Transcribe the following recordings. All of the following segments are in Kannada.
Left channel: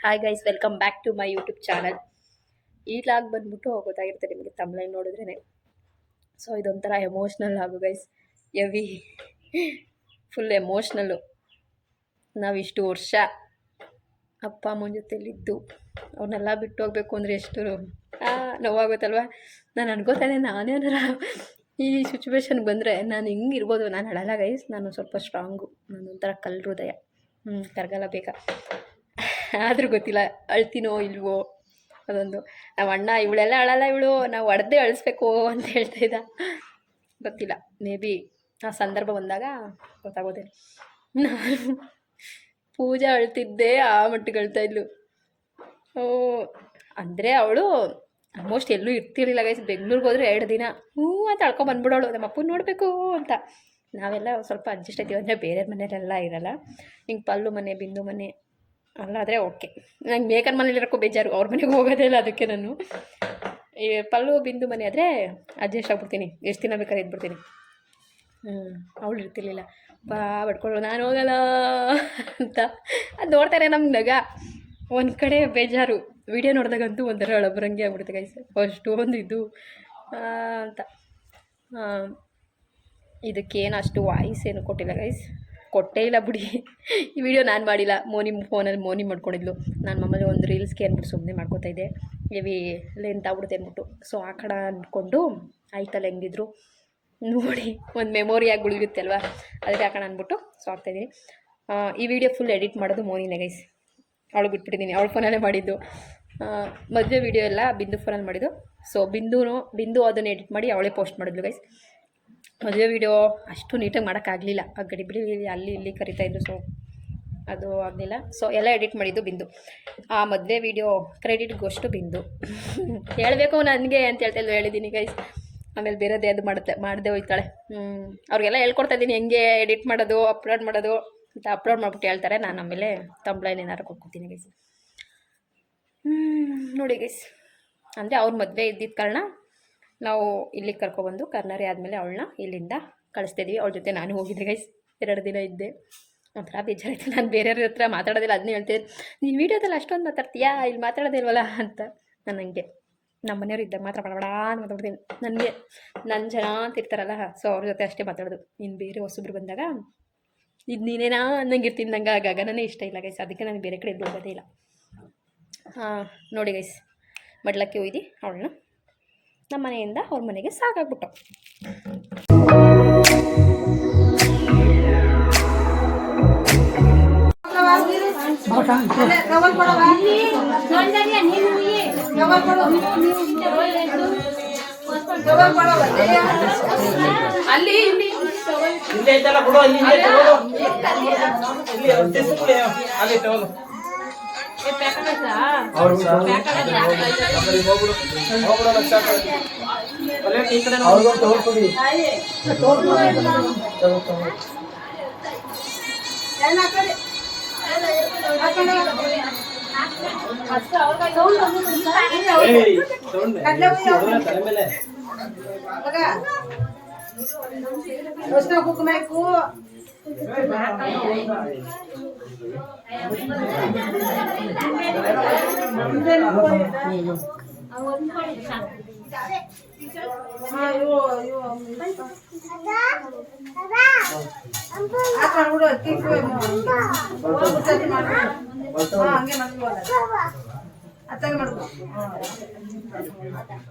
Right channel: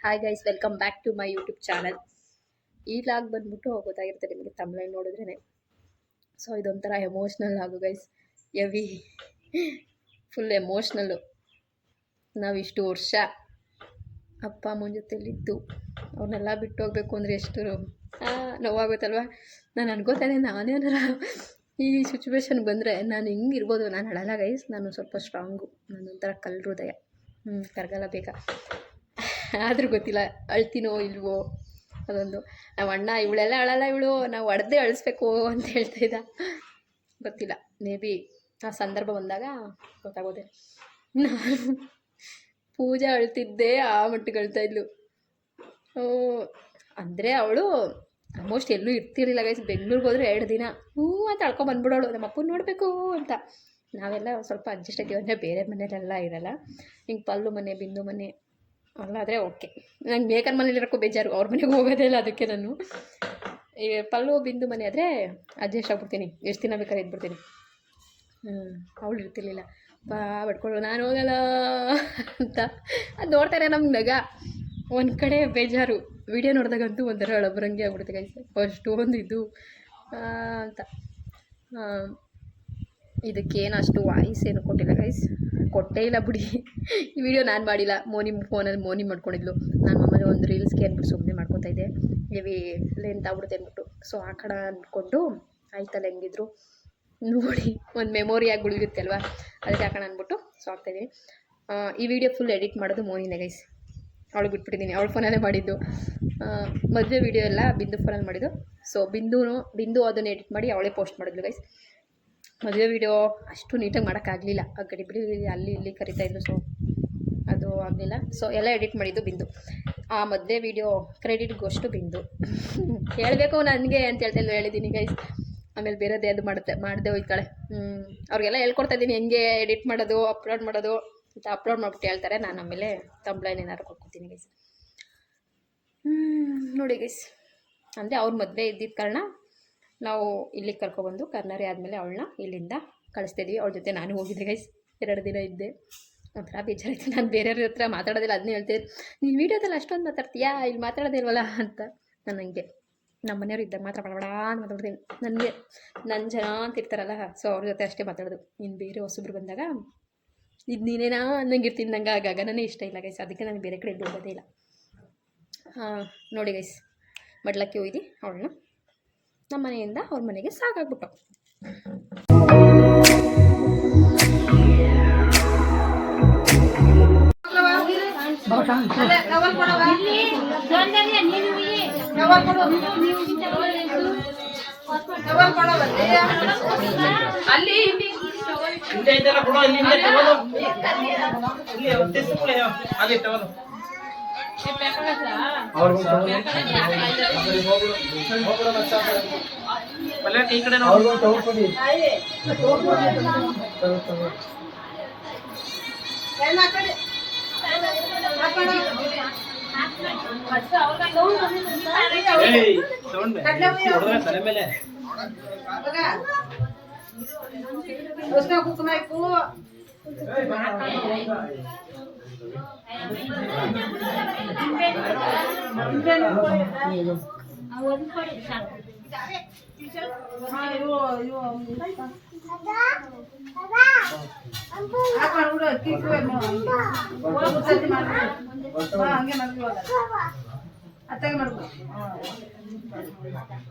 Hi guys welcome back to my YouTube channel ಈ ಲಾಗ್ ಬಂದ್ಬಿಟ್ಟು ಗೊತ್ತಾಗಿರುತ್ತೆ ನಿಮಗೆ ತಮ್ಲೈನ್ ನೋಡಿದ್ರೇ ಸೊ ಇದೊಂಥರ ಎಮೋಷ್ನಲ್ ಆಗು ಗೈಸ್ ಎವಿ ಫುಲ್ ಎಮೋಷ್ನಲ್ಲು ನಾವು ಇಷ್ಟು ವರ್ಷ ಅಪ್ಪ ಅಮ್ಮನ ಜೊತೆಲಿದ್ದು. ಅವ್ರನ್ನೆಲ್ಲ ಬಿಟ್ಟು ಹೋಗ್ಬೇಕು ಅಂದರೆ ಎಷ್ಟು ನೋವಾಗುತ್ತಲ್ವ? ನಾನು ಅನ್ಕೋತಾ ಇದ್ದೆ ನಾನೇನಾರ ಈ ಸಿಚುವೇಶನ್ಗೆ ಬಂದರೆ ನಾನು ಹಿಂಗೆ ಇರ್ಬೋದು? ನಾನು ಹಳಲ್ಲ ಗೈಸ್ ನಾನು ಸ್ವಲ್ಪ ಸ್ಟ್ರಾಂಗು ನಾನು ಒಂಥರ ಕಲ್ಲು ಹೃದಯ. ಹ್ಞೂ ಕರ್ಗಲ್ಲ ಬೇಗ. ಆದರೂ ಗೊತ್ತಿಲ್ಲ, ಅಳ್ತೀನೋ ಇಲ್ವೋ ಅದೊಂದು ನಾವು ಅಣ್ಣ, ಇವಳೆಲ್ಲ ಅಳಲ್ಲ ಇವಳು, ನಾವು ಹೊಡೆದೇ ಅಳಿಸ್ಬೇಕು ಅಂತ ಹೇಳ್ತಾ ಇದ್ದ. ಗೊತ್ತಿಲ್ಲ ಮೇ ಬಿ ಆ ಸಂದರ್ಭ ಬಂದಾಗ ಗೊತ್ತಾಗೋದೆ ನಾನು ಪೂಜೆ ಅಳ್ತಿದ್ದೆ ಆ ಮಟ್ಟಿಗೆ ಅಳ್ತಾ ಇದ್ಲು ಅಂದರೆ ಅವಳು ಆಲ್ಮೋಸ್ಟ್ ಎಲ್ಲೂ ಇರ್ತಿರ್ಲಿಲ್ಲ ಗೈಸ್ ಬೆಂಗ್ಳೂರಿಗೆ ಹೋದ್ರೆ ಎರಡು ದಿನ ಹ್ಞೂ ಅಂತ ಅಳ್ಕೊ ಬಂದ್ಬಿಡೋಳು, ನಮ್ಮ ಅಪ್ಪನ ನೋಡಬೇಕು ಅಂತ. ನಾವೆಲ್ಲ ಸ್ವಲ್ಪ ಅಡ್ಜಸ್ಟ್ ಆಯ್ತೀವಿ ಅಂದರೆ ಬೇರೆ ಮನೇಲೆಲ್ಲ ಇರಲ್ಲ. ಹಿಂಗೆ ಪಲ್ಲು ಮನೆ, ಬಿಂದು ಮನೆ ಅಲ್ಲ ಆದರೆ ಓಕೆ. ನಂಗೆ ಬೇಕನ್ ಮನೇಲಿರೋಕ್ಕೂ ಬೇಜಾರು, ಅವ್ರ ಮನೆಗೆ ಹೋಗೋದೇ ಇಲ್ಲ ಅದಕ್ಕೆ ನಾನು. ಈ ಪಲ್ಲು ಬಿಂದು ಮನೆ ಆದರೆ ಅಡ್ಜಸ್ಟ್ ಆಗ್ಬಿಡ್ತೀನಿ. ಎಷ್ಟು ದಿನ ಬೇಕಾದ್ರೆ ಇದ್ಬಿಡ್ತೀನಿ. ಹ್ಞೂ ಅವಳು ಇರ್ತಿರ್ಲಿಲ್ಲ. ಬಾ ಬಡ್ಕೊಳ್ಳು ನಾನು ಹೋಗಲ್ಲ ಅಂತ. ಅದು ನೋಡ್ತಾರೆ ನಮ್ಗೆ ನಗ. ಒಂದು ಕಡೆ ಬೇಜಾರು. ವಿಡಿಯೋ ನೋಡಿದಾಗಂತೂ ಒಂಥರ ಒಳಬರಂಗೆ ಆಗ್ಬಿಡುತ್ತೆ ಗೈಸ್ ಒಂದು ಇದು. ಅಂತ. ಇದಕ್ಕೇನು ಅಷ್ಟು ವಾಯ್ಸ್ ಏನು ಕೊಟ್ಟಿಲ್ಲ ಗೈಸ್ ಕೊಟ್ಟೇ ಇಲ್ಲ ಬಿಡಿ. ಈ ವಿಡಿಯೋ ನಾನು ಮಾಡಿಲ್ಲ. ಮೋನಿ ಫೋನಲ್ಲಿ ಮೋನಿ ಮಾಡ್ಕೊಂಡಿದ್ಲು. ನಾನು ಮಾಮಲ್ಲಿ ಒಂದು ರೀಲ್ಸ್ಗೆ ಅಂದ್ಬಿಟ್ಟು ಸುಮ್ಮನೆ ಮಾಡ್ಕೊತಾ ಇದ್ದೆ. ಹೆವಿ ಲೆಂತ್ ಆಗ್ಬಿಡುತ್ತೆ ಅಂದ್ಬಿಟ್ಟು ಸೊ ಆ ಕಡೆ ಅಂದ್ಕೊಂಡು ಆಯ್ತಲ್ಲ ಹೆಂಗಿದ್ರು. ನೋಡಿ, ಒಂದು ಮೆಮೊರಿಯಾಗಿ ಉಳಿಯುತ್ತೆ ಅಲ್ವಾ? ಅದಕ್ಕೆ ಹಾಕೋಣ ಅಂದ್ಬಿಟ್ಟು ಸೊ ಆಗ್ತಾಯಿದ್ದೀನಿ ಈ ವಿಡಿಯೋ ಫುಲ್ ಎಡಿಟ್ ಮಾಡೋದು ಮೋನಿನೇ ಗೈಸ್ ಅವಳು ಬಿಟ್ಬಿಟ್ಟಿದ್ದೀನಿ. ಅವಳ ಫೋನಲ್ಲೇ ಮಾಡಿದ್ದು. ಮದುವೆ ವಿಡಿಯೋ ಎಲ್ಲ ಬಿಂದು ಫೋನಲ್ಲಿ ಮಾಡಿದ್ದು. ಸೊ ಬಿಂದುನು, ಬಿಂದು ಅದನ್ನು ಎಡಿಟ್ ಮಾಡಿ ಅವಳೇ ಪೋಸ್ಟ್ ಮಾಡಿದ್ಲು ಗೈಸ್ ಮದುವೆ ವಿಡಿಯೋ ಅಷ್ಟು ನೀಟಾಗಿ ಮಾಡೋಕ್ಕಾಗಲಿಲ್ಲ ಆ ಗಡಿ ಬಿಡಿ ಅಲ್ಲಿ ಇಲ್ಲಿ ಕರಿತಾಯಿದ್ರು ಸೊ ಅದು ಆಗಲಿಲ್ಲ. ಸೊ ಎಲ್ಲ ಎಡಿಟ್ ಮಾಡಿದ್ದು ಬಿಂದು. ಆ ಮದುವೆ ವಿಡಿಯೋ ಕ್ರೆಡಿಟ್ಗೋಷ್ಟು ಬಿಂದು. ಹೇಳಬೇಕು ನನಗೆ ಅಂತ ಹೇಳ್ತಾ ಇಲ್ಲ ಹೇಳಿದ್ದೀನಿ ಗೈಸ್ ಆಮೇಲೆ ಬೇರೆದೇ ಅದು ಮಾಡುತ್ತೆ ಮಾಡದೆ ಹೋಯ್ತಾಳೆ. ಹ್ಞೂ ಅವ್ರಿಗೆಲ್ಲ ಹೇಳ್ಕೊಡ್ತಾ ಇದ್ದೀನಿ, ಹೆಂಗೆ ಎಡಿಟ್ ಮಾಡೋದು ಅಪ್ಲೋಡ್ ಮಾಡೋದು ಅಂತ ಅಪ್ಲೋಡ್ ಮಾಡ್ಬಿಟ್ಟು ಹೇಳ್ತಾರೆ. ನಾನು ಆಮೇಲೆ ತಂಬ್ಲೈನ್ ಏನಾರು ಕೊಟ್ಕೊತೀನಿ ಗೈಸ್ ನೋಡಿ ಗೈಸ್ ಅಂದರೆ ಅವ್ರ ಮದುವೆ ಇದ್ದಿದ್ದ ಕಾರಣ ನಾವು ಇಲ್ಲಿಗೆ ಕರ್ಕೊಬಂದು ಕರ್ನರಿ ಆದಮೇಲೆ ಅವಳನ್ನ ಇಲ್ಲಿಂದ ಕಳಿಸ್ತಿದ್ವಿ. ಅವಳ ಜೊತೆ ನಾನು ಹೋಗಿದ್ದೆ ಗೈಸ್ ಎರಡು ದಿನ ಇದ್ದೆ. ಒಂಥರ ಬೇಜಾರಾಯಿತು. ನಾನು ಬೇರೆಯವ್ರ ಹತ್ರ ಮಾತಾಡೋದಿಲ್ಲ, ಅದನ್ನೇ ಹೇಳ್ತೀನಿ ನೀನು ವೀಡಿಯೋದಲ್ಲಿ ಅಷ್ಟೊಂದು ಮಾತಾಡ್ತೀಯಾ? ಇಲ್ಲಿ ಮಾತಾಡೋದಿಲ್ವಲ್ಲ ಅಂತ ನಾನು ಹಂಗೆ ನಮ್ಮ ಮನೆಯವ್ರು ಇದ್ದಾಗ ಮಾತ್ರ ಬಡಬಡ ಮಾತಾಡ್ತೀನಿ. ನನಗೆ ನನ್ನ ಜನ ಅಂತ ಇರ್ತಾರಲ್ಲ ಸೊ ಅವ್ರ ಜೊತೆ ಅಷ್ಟೇ ಮಾತಾಡೋದು. ನೀನು ಬೇರೆ ಹೊಸಬ್ರು ಬಂದಾಗ ಇದು ನೀನೇನಾ ಅನ್ನಂಗೆ ಇರ್ತೀನಿ, ನಂಗೆ ನನಗೆ ಇಷ್ಟ ಇಲ್ಲ ಗೈಸ್ ಅದಕ್ಕೆ ನಾನು ಬೇರೆ ಕಡೆ ಹೋಗೋದೇ ಇಲ್ಲ. ಹಾಂ, ನೋಡಿ ಗೈಸ್ ಮಡ್ಲಕ್ಕೆ ಒಯ್ದು ಅವಳನ್ನ. ನಮ್ಮ ಮನೆಯಿಂದ ಅವ್ರ ಮನೆಗೆ ಸಾಕಾಗ್ಬಿಟ್ಟು. ಹಿಂದೆ ಐತಲ್ಲ ಕೊಡು ಅಲ್ಲಿ ಹಿಂದೆ ತಗೊಳ್ಳು ಇಲ್ಲಿ ಅವ್ರು ತಿರ್ಸು ಕೊಡಿ, ಅಲ್ಲಿ ತಗೊಳ್ಳು ಪಲ್ಲೆ ಈ ಕಡೆ ನೋಡು ಏಯ್ ತಗೊಂಡೆ ಹೊಡ್ದ್ರೆ ತಲೆ ಮೇಲೆ ಐದಾ ಮಾಡಿ ಮಧುಕ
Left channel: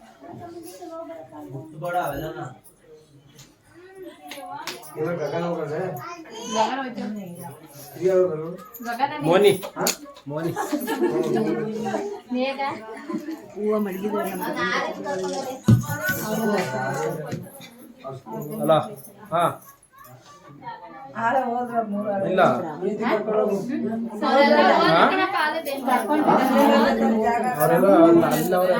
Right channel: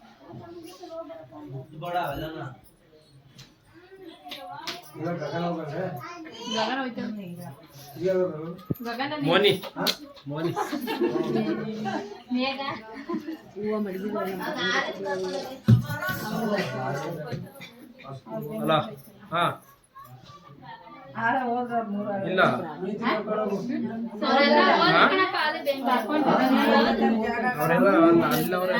ಮೋನಿ. ಮೋನಿ. ಅಲ್ಲ ಹಾ ಆರ ಹೋದ್ರ ಮೂರು ಇಲ್ಲ. ಹಾ? ಅವರೆಲ್ಲ ಅಲ್ಲ ಅಲ್ಲ ಅವರೇ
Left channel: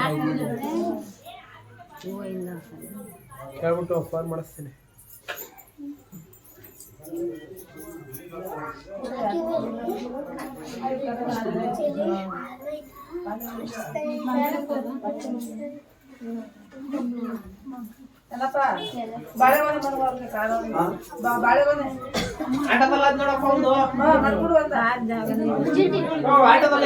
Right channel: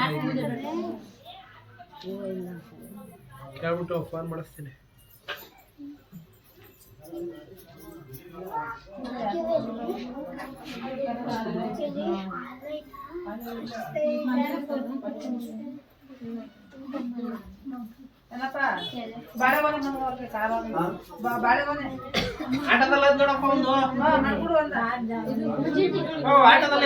ಕೇಳ್ಬಿಟ್ಟು ಫೋನ್ ಮಾಡಿಸ್ತೀನಿ. ಆಟದಲ್ಲ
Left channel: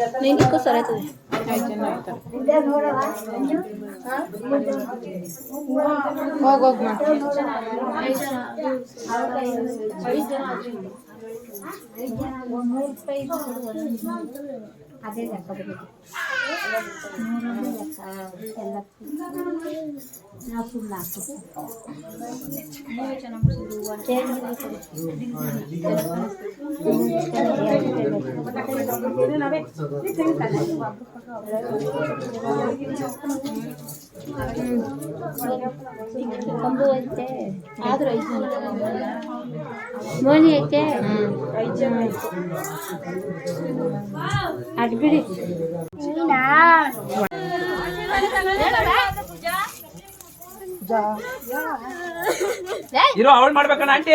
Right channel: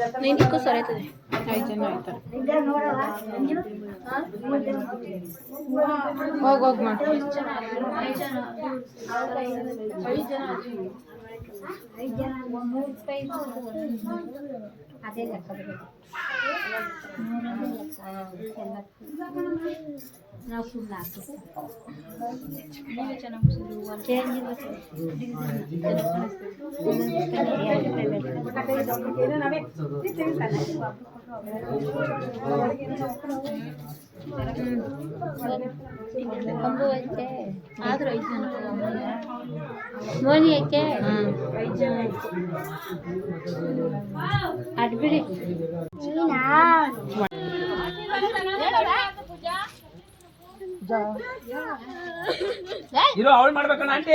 ಮಾಡ್ಬಿಡು ಒಂದ ಆಯ್ತದೆ ಒಂದು ಆರ್ಗೈದು ಹಾಕಿರೋದ್ನೇ ಹೋಗಿ ಹಾ ಏ ಅನ್ಕೊಂಡು ನೀನು ಇಕ್ಕು ಸರ ಕಂಬು ಐತೆ ಆದ್ರೂ ಐತೆ ಮೋನಿ ಐತೆ ಅದು ಬಿಡಿ ಇರೋ ಅವಳು ಮಾಡ್ಬೇಕಣ್ಣ ಆಂಟಿ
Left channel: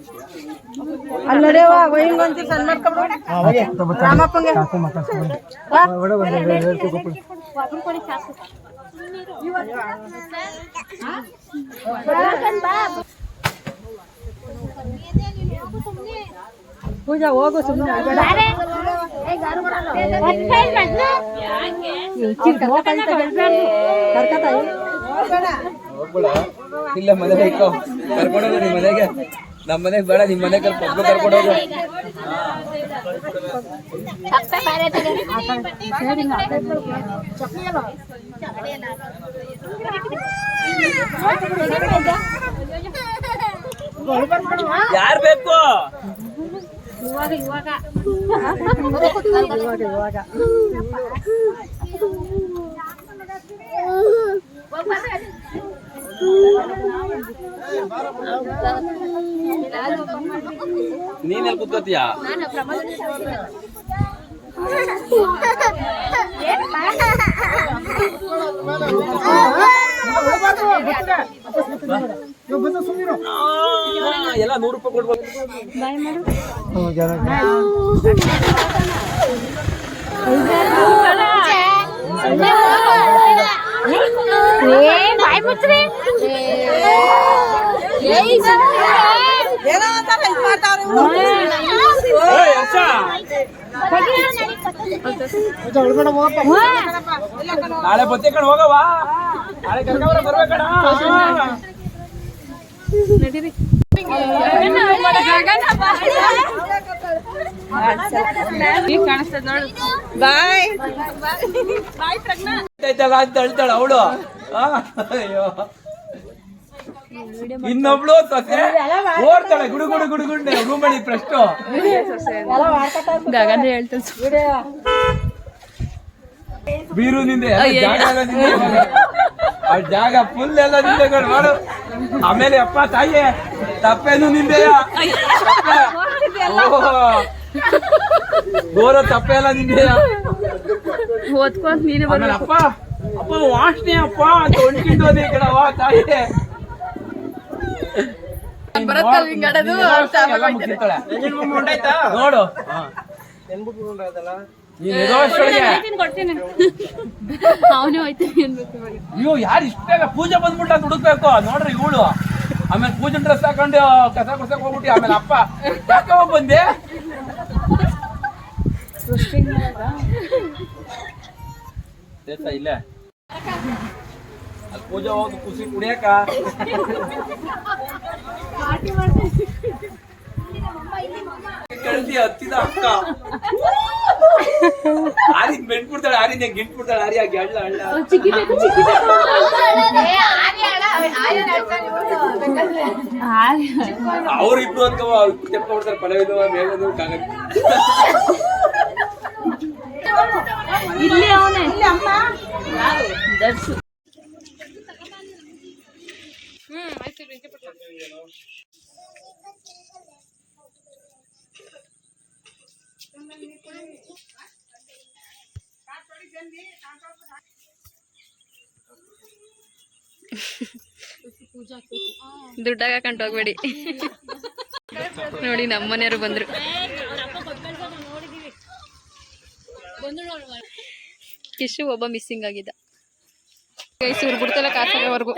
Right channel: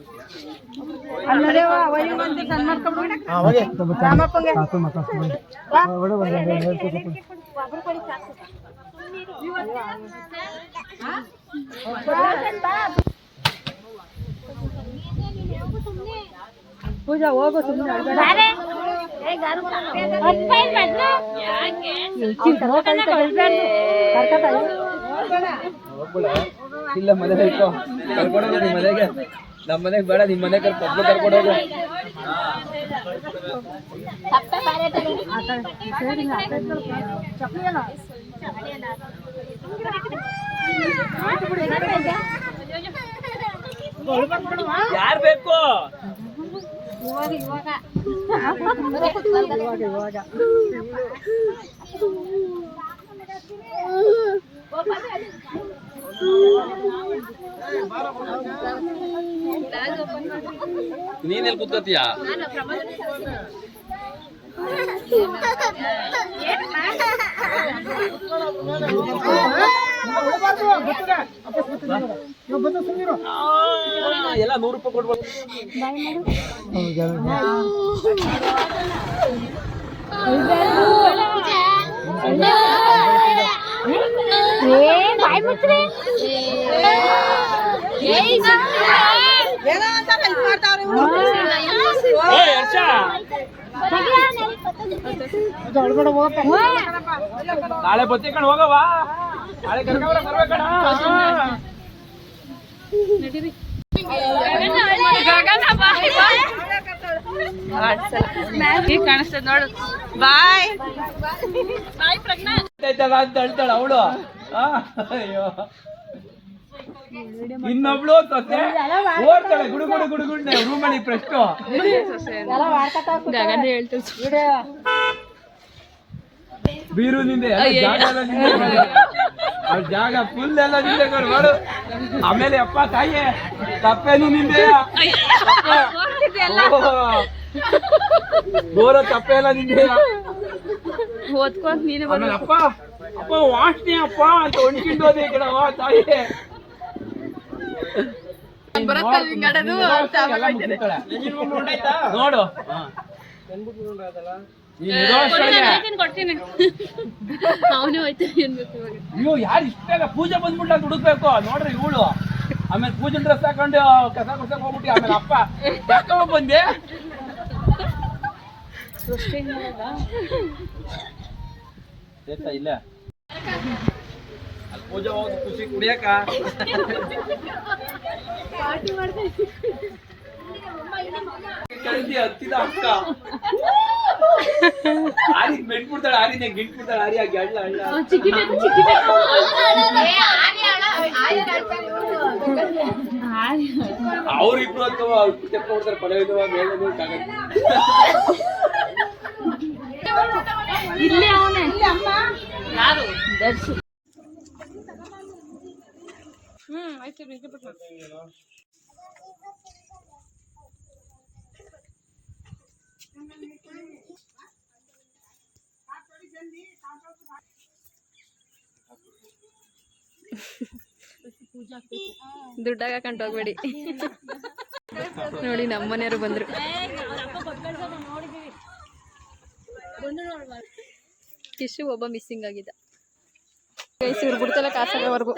ಪೂಜಾ ಹೋಗು ಸುಮ್ಮನೆ ಇಲ್ಲ ಮನೆಗೆ ಇಕ್ಕೋ ಕರ್ಕೊಂಡು ಮನೆಗೆ ನಮ್ಮ ಮನೆಗೆ ಬೇಡ ನಿಮ್ಮ ಮನೆಗೆ ಕರ್ಕೊಂಡು ಕರ್ಕೊಂಡು ಹೋಗು. ಯಾರು ಬೇಕು? ನೀನ್ ಎಲ್ಲಿ ಕೂತ್ಕೋತೀಯ? ಎಲ್ಲ ನೂರು ರೂಪಾಯಿ ಕೊಡ್ಬೇಕು ಬಾಯ್ ಮುಚ್ಚ್ರಿ ನಾಳೆ ಬತ್ತೆ ಕಣ್ ಹೋಗವ ನಾಳೆ ಬಾಯ್ ಬಾಯ್. ಪ್ರಜ್ಞಾ ಅಂತ ಹೇಳ್ತಾಳ ಅವಳು. ಅಯ್ಯೋ. ಇನ್ನೊಬ್ಳು ಸೊಸೆ ಓಡ್ತಾಳೆ ಗುಡು ಗುಡು ಗುಡು ಗುಂಡೆ ರೂಮಲ್ಲಿ ಪ್ರಶ್ನೆ. ಗಗನ ಬೀರು ನಿಂದೆ ಜಾಗ ಆ ಜಾಗ ಫುಲ್ ಎಲ್ಲ ನಿಂದೆ ಮಾಡು ಆಮೇಲೆ ಅಪ್ಪ ತಾಯಿ ತಪ್ಪೇನು ನಿಂದೆ? ಗೋರ ತಪ್ಪೆ ಎಲ್ಲ ನಿಂದೆ ಓದ್ಕೊಂಡ್ ನೀನು ಅಪ್ಪ ಅಪ್ಪ ವಾಸನೆ ಅಪ್ಪ ಅಂತ ಒಣಕಿಂಡೋದೇ ಹೋದೆ ತಾಯಿಯೇ. ತಾಯಿ ನೀನ್ ನೋಡ್ಕೊಂಡು ಎಲ್ಲ ಮುಗ್ಸಿರ್ತಾಳೆ. ನೋಡು. ನೀನ್ ಎದುರಷ್ಟೊಳಗೆ ಅವನೇ ಹೋಯ್ತಾನೆ ಅನ್ಬೇಕು ಅಯ್ಯೋ ಯಾರು ಇಷ್ಟ ಪೂಜೆ ಬಂದ್ಬಿಟ್ಟು ಅಂತ ಹುಡುಕ್ಬೇಕು? ನೋಡ್ರಿ ಇವಳು. ಆಮೇಲೆ ಪೂಜೆ ಡ್ರೆಸ್ ಹಾಕೊಂಡು ಕಸ ಕೊಡ್ಸಕ್ ಹೋಗ್ಬಿಟ್ಟು ಆಮೇಲೆ ಅಪ್ಪ. ಯಾಕೆ ಹೋಗ್ ಬಂದೆ? ಇಲ್ಲ ಇಲ್ಲೇ. ಅಲ್ಲಿ ಪೂಜೆ ಹೋಗಿ ಖುಷಿ ಕುಡಿಯಕ ಕಲ್ತಿ ಹತ್ತಿದ ಅಕ್ಕ. ಆರಿಗ್ ಬೆಂಡ್ಬಿಡ್ತಾಳೆ ಗಿಂಟ್ ಬಿಡ್ತಾಳೆ ಆರಿ ಆಗಿ ಅಳ್ಳ ಅಳ್ಳ. ಅವ್ರು ಇಬ್ರು ಅಂತ ತೆಪ್ಪ ಪಲವಿದು ಮೇಲದು ಕಾಗದ. ಇಲ್ಲೇ ಅವನೇ. ದರ್ಶು. ದುಡ್ಡಾಗ ಹಾಕೊಂಡು ಹೋಗ್ಬೇಡಿ. ನೋಡಿ ನಮ್ಮ ಮನೆಯವರು ಬಂದ್ರು ಕಿಶು ಒಬ್ಬ ಮಿಸ್ಸಿಂಗ್ ಆಗಿದ್ದ. ಗೈಸ್ ಇವ್ರು ಬಿಡ್ತಲ್ಲ ಕಾಸಾಗವರೆಗೂ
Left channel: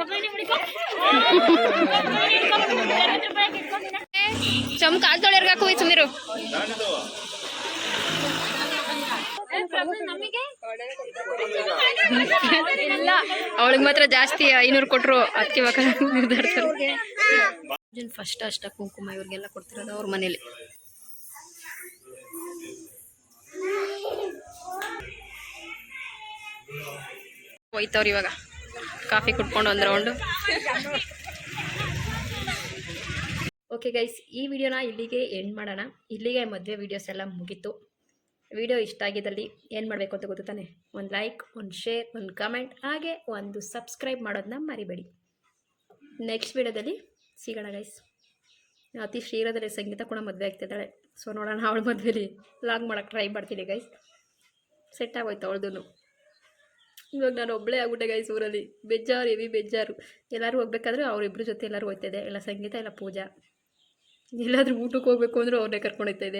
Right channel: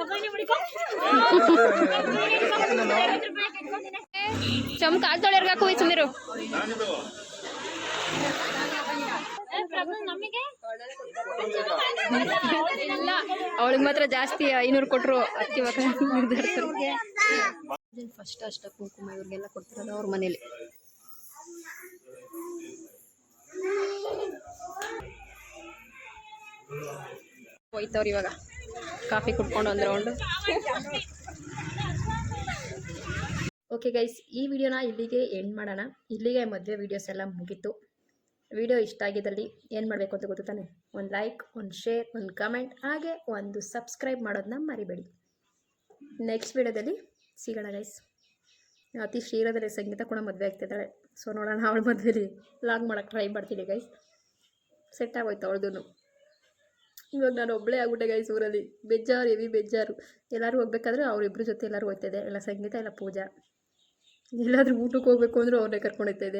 ಚಮ್ ಕಾಲ್ ತೊಳೆಯರ್ಗ ಹಾಕು ಸುಂದಿರು ಅವಳಿಗೆ ಮಾತ್ರ ಜಾಸ್ತಿ ಐನೂರು ಕೊಟ್ರು ಅದಕ್ಕೆ ಇವಾಗ ನಿರ್ಧರಿಸ್ತಾರೆ. ಫಸ್ಟ್ ಅಷ್ಟ ಕುಂಕುಮ ಇವ್ರಿಗೆಲ್ಲ ಕೊಡ್ತಿರೋದು ಅವ್ರ ಮನೇಲಿ. ಹೋಯ್ತವ್ರು ಇವಾಗ. ಕಾಫಿ ಕುಟ್ಕೊಂಡು ಒಂದು ರೌಂಡು. ಓಕೆ ಗೈಸ್ ಈ ವಿಡಿಯೋನ ಇಲ್ಲಿಗೆ ಎಂಡ್ ಮಾಡೋಣ. ಇಲ್ಲಿಗೆ ಮದುವೆ ವೀಡಿಯೋಸ್ ಎಲ್ಲ ಮುಗೀತು. ವಿಡಿಯೋ ಇಷ್ಟ ಆಗಿದ್ದಲ್ಲಿ ಏನು ಮಾಡಬೇಕು ಅಂತ ಗೊತ್ತು ತಾನೆ? ಒಂದು ಲೈಕ್ ಒಂದು ಶೇರ್ ಒಂದು ಕಮೆಂಟ್ ಹಾಗೆ ಒಂದು ಸಬ್ಸ್ಕ್ರೈಬ್ ಮಾಡೋದನ್ನ ಮರಿಬೇಡಿ. ನೆಕ್ಸ್ಟ್ ವಿಡಿಯೋದಲ್ಲಿ ಸಿಗೋಣ ಗೈಸ್ ಅತಿ ಶ್ರೀರದಲ್ಲಿ ಸಂಗೀತ ಕೂಡ ಮದುವೆ ಆಗ್ತಿದ್ದಾಳೆ. ಸೊ ನೋಡೋಣ ಅವಳ ಮದುವೆಲಿ ಲಾಂಗ್ ಮಾಡೋಕ್ಕೆ ಟ್ರೈ ಮಾಡ್ತೀನಿ ಗೈಸ್ ಸೆಟ್ ಆಗೋಯ್ತು ಅವಳದು ಇವಾಗ ನಾನು ಒಬ್ಬಳೇ ಆಗ್ಬಿಟ್ಟೆ ಗೈಸ್ ಊರಲ್ಲಿ. ಬೇಜಾರು ಎವಿ ಬೇಜಾರು. ಎಲ್ಲರೂ ಹೋಗ್ಬೇಕಾದ್ರೆ ಅವರಿಬ್ಬರ ಜೊತೆ ಎಲ್ಲರೂ ಹೋಗ್ತಾಯಿದೆ ಎಲ್ಲ ಸಂಗೀತ ಎಲ್ಲ ಪೂಜಾ. ಎಲ್ಲಾದರೂ ಊಟಕ್ಕೆ ಹೋಗ್ಬೇಕು ಅಂದರೂ ಅವ್ರನ್ನೇ ಇಲ್ಲ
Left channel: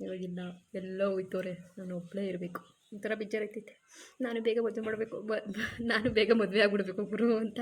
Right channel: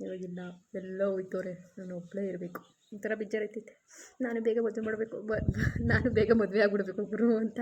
ಇವಾಗಿಲ್ಲ ಎಲ್ಲ ಹೋಯ್ತವ್ರೆ. ನಾನು ಒಬ್ಬಳೇ ಇರಬೇಕು. ಒಂಥರ ಬೇಜಾರೈತೈತೆ ನಾನು ಬೇಗ ಮದುವೆ ಮಾಡಬೇಕು. ನಾನು ಬೇಗ ಮದುವೆ ಆಗ್ಬಿಡ್ಬೇಕು ಗುರು ಅಂತ.